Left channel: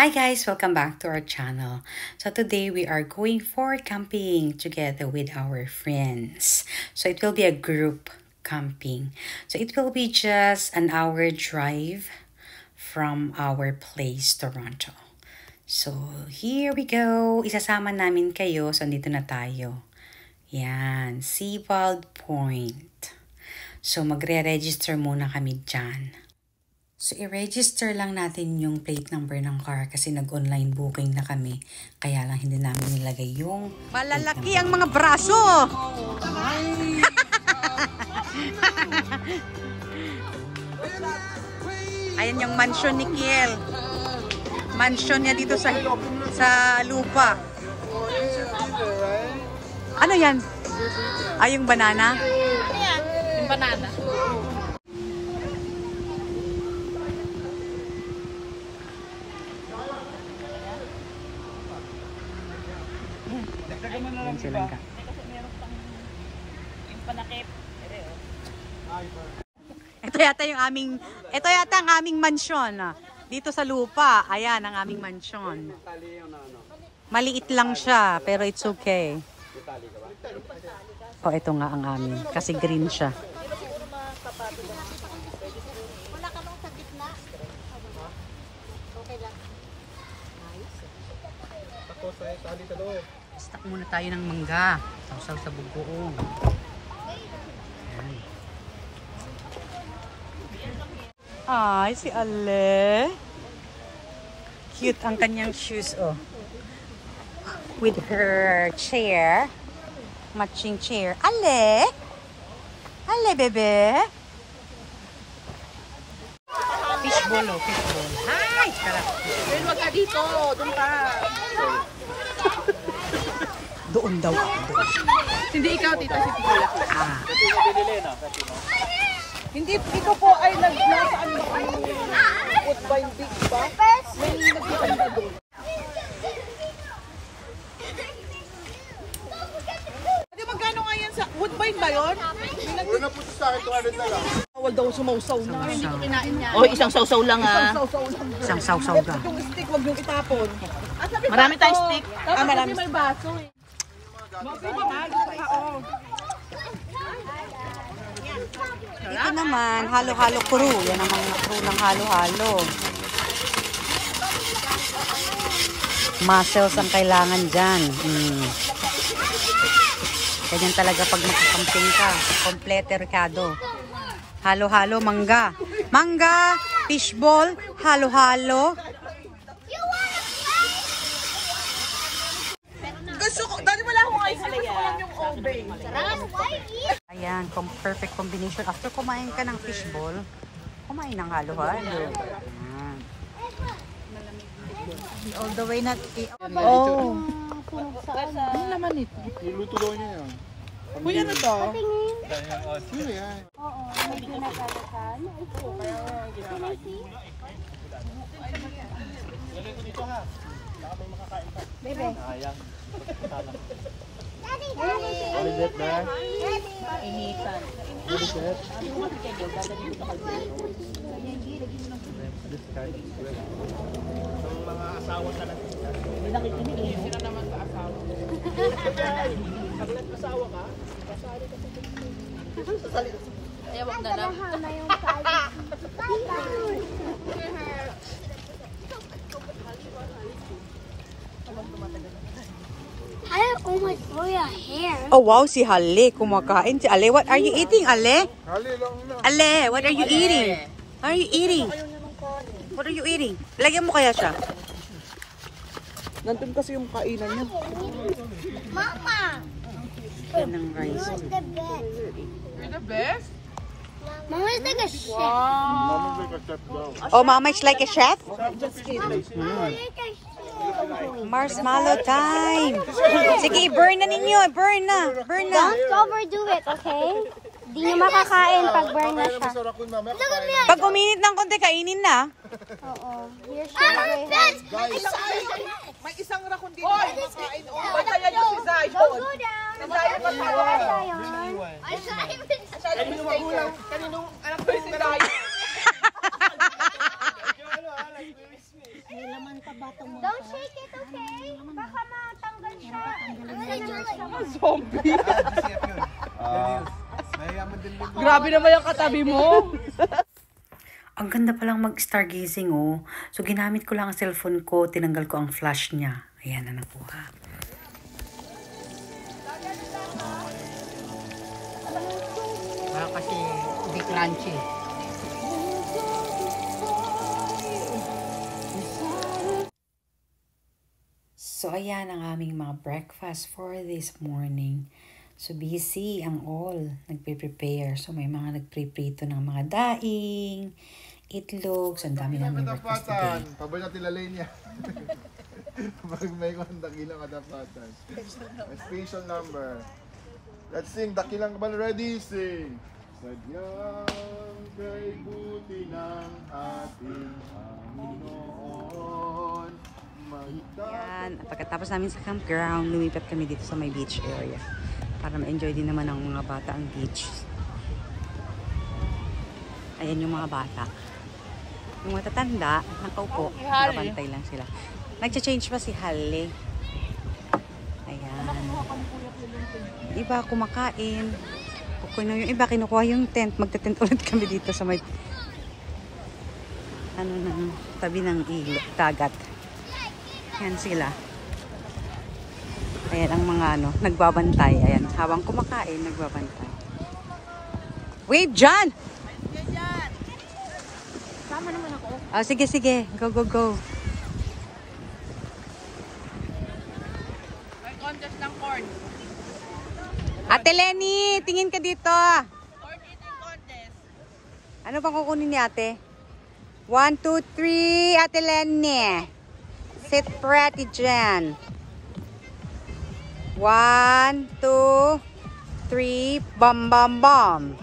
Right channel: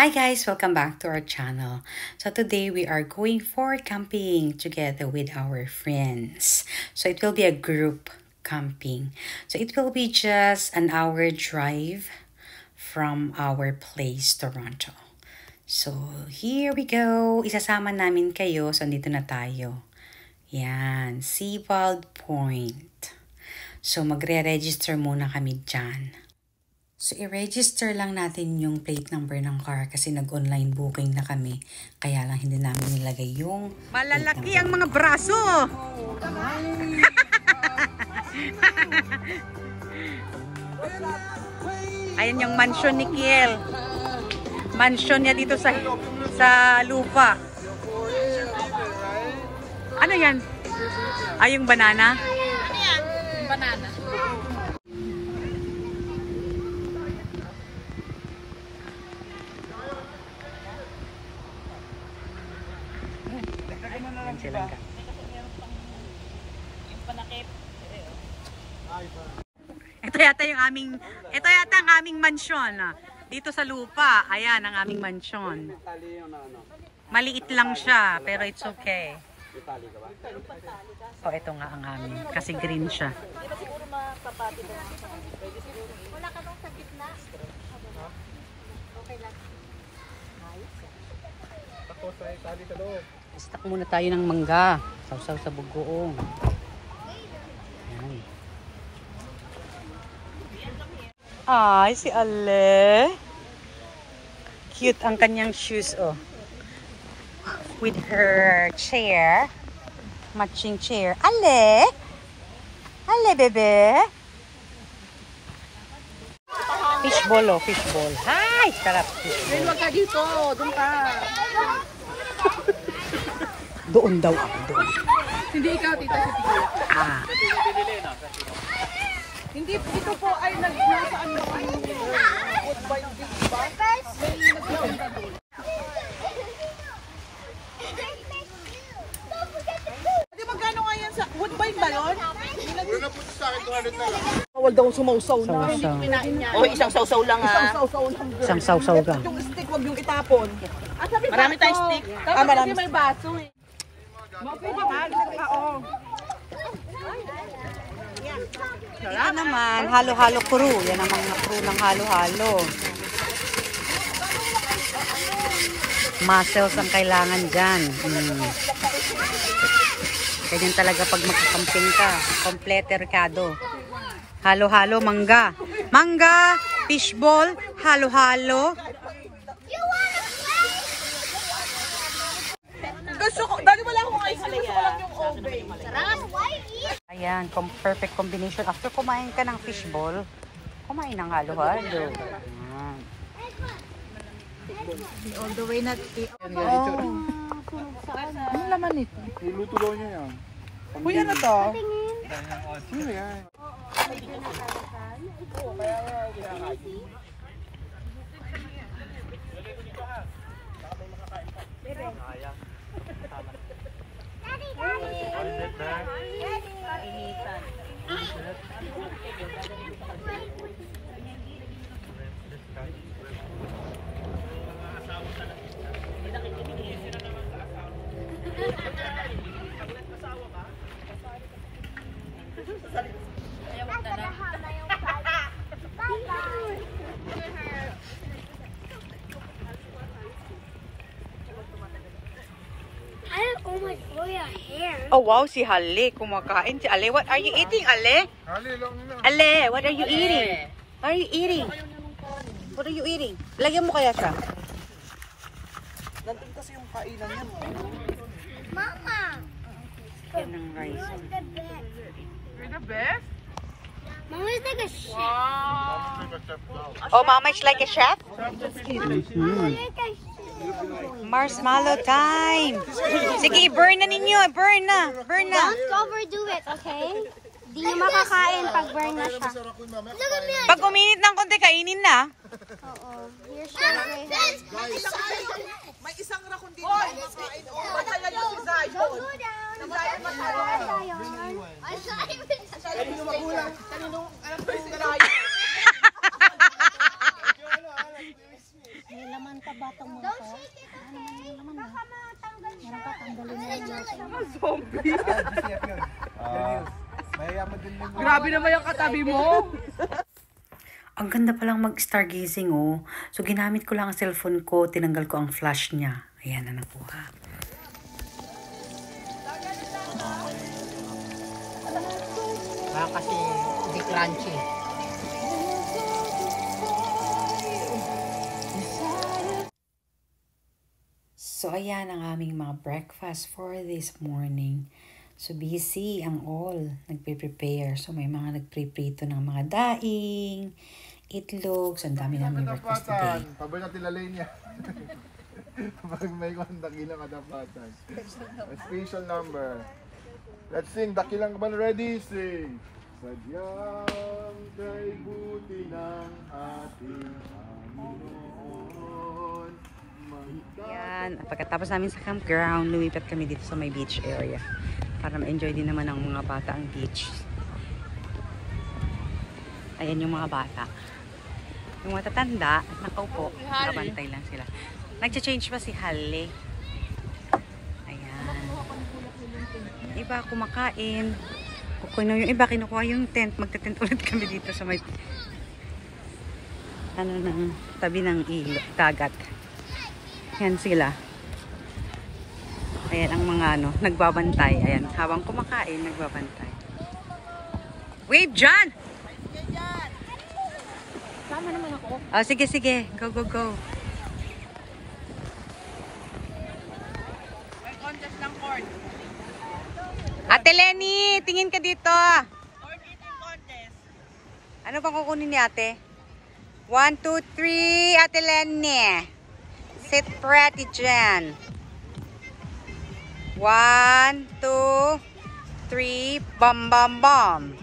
Hi guys, welcome back to our channel. So today we are going for camping together with our friends. So it will be a group camping. So it will be just an hour drive from our place, Toronto. So here we go. Isasama namin kayo. So dito na tayo. Yan, Seawald Point. So magre-register muna kami dyan. So, i-register lang natin yung plate number ng car kasi nag-online booking na kami. Kaya lang hindi namin nilagay yung malalaki ang mga braso! Ayan yung mansion ni Kiel. Mansion niya dito sa lupa. Ano yan? Ay, yung banana? Ano yan? Yung banana. Yan sila ka. Kasi meron pang yung panakip. Ito yata ang aming mansion. Dito sa lupa, ayan ang aming mansion. Maliit lang siya, pero it's okay. Oh, ito nga ang amin. Kasi green siya. Wala ka bang sa gitna? Okay lang. Ayos yan. Tapos ay tali sa loob. Stock muna tayo ng mangga. Sausaw sa bugoong. Ayan. Ay, si Ale. Cute ang kanyang shoes, oh. With her chair. Matching chair. Ale! Ale, bebe! Fishball, oh. Fishball. Hi! Sarap. Pero wag ka dito. Doon ka. Doon daw ako, doon. Hindi ikaw, tita, si Tita. Ah. Hindi, ikaw po ay nag-nasa wood binding ba? Hindi, magkano nga yan sa wood bind ba yun? Bawal daw sumausaw na. Hindi ko kinain niya. O, isang sausaw lang ha. Isang sausaw lang. Isang sausaw ka. Yung stick, wag yung itapon. Marami tayong stick. Marami may baso eh. Dito naman, halo-halo crew. Yan ang mga crew ng halo-halo. Muscles ang kailangan dyan. Ganyan talaga pag magkakamping ka. Complete Ricardo. Halo-halo, mangga. Mangga, fishball, halo-halo. Gusto ko, dati wala akong ay halaya. Sa akin naman yung halaya. Ayan, perfect combination. After kumain ka ng fishball, kumain ng halo-halo. Ayan. All the way na. Oh. Ano laman ito? Niluto daw niya yan. Uy, ano to? Sino yan? Bebe. Initan. Ayaw, wag na lang. Oh my god, your hair. Oh wow, si Hale kumakain. Si Ale, what are you eating, Ale? Ale, what are you eating? What are you eating? What are you eating? Lagyan mo kaya siya? Nandun kasi yung kainan niya. Mama, Yan ang rice. who's the best? The best? Mama is like a chef. Mami yung chef daw. Oh, Mama is like a chef? Mama is like a chef. Marshmallow time! Sige, burn na ninyo. Burn na. Burn na. Don't overdo it, okay? Di na makakain pag burn na siya. Look at me. Pag uminit ng konti, kainin na. You're so May isang rakon dito. Kaya nyo si Zion. Don't go down. Si Zion Zion. Kaninong magulang? Kaninong anak ko yung galahay? May laman ka ba Grabe naman yung katabi mo. Ang ganda palang mag-stargazing, oh. So, ginamit ko lang ang cellphone ko, tinanggal ko ang flash niya. Ayan na nakuha. Kasi hindi crunchy. So, ayan ang aming mga breakfast for this morning. So, busy ang all. Nagpe-prepare. So, may mga nagpre-prito ng mga daing, itlog. So, ang dami namin breakfast today. Pabay natin lalay niya. Pag may dakilang kadapatan. A special number. Let's sing dakilang kaban. Ready? Sing. Sadyang kay buti ng ating Panginoon. Yan. Pagkatapos namin sa campground, lumipat kami dito sa may beach area. Para ma-enjoy din naman ng mga bata ang beach. Ayan yung mga bata. Yung matatanda, nakaupo, nakabantay lang sila. Nag-change pa si Halle. Ayan. Iba kumakain. Yung iba kinukuha yung tent. Magte-tent ulit kami dito sa may ng tabi ng dagat. Yan sila. Ayan ang mga nagbabantay. Ayan, habang kumakain, nagbabantay. Wave dyan! Oh, sige, sige. Go, go, go. May contest ng corn. Ate Lenny, tingin ka dito. Corn eating contest. Ano bang kukunin ni ate? 1, 2, 3. Ate Lenny. Sit pretty dyan. 1, 2, 3. Bam, bam, bam.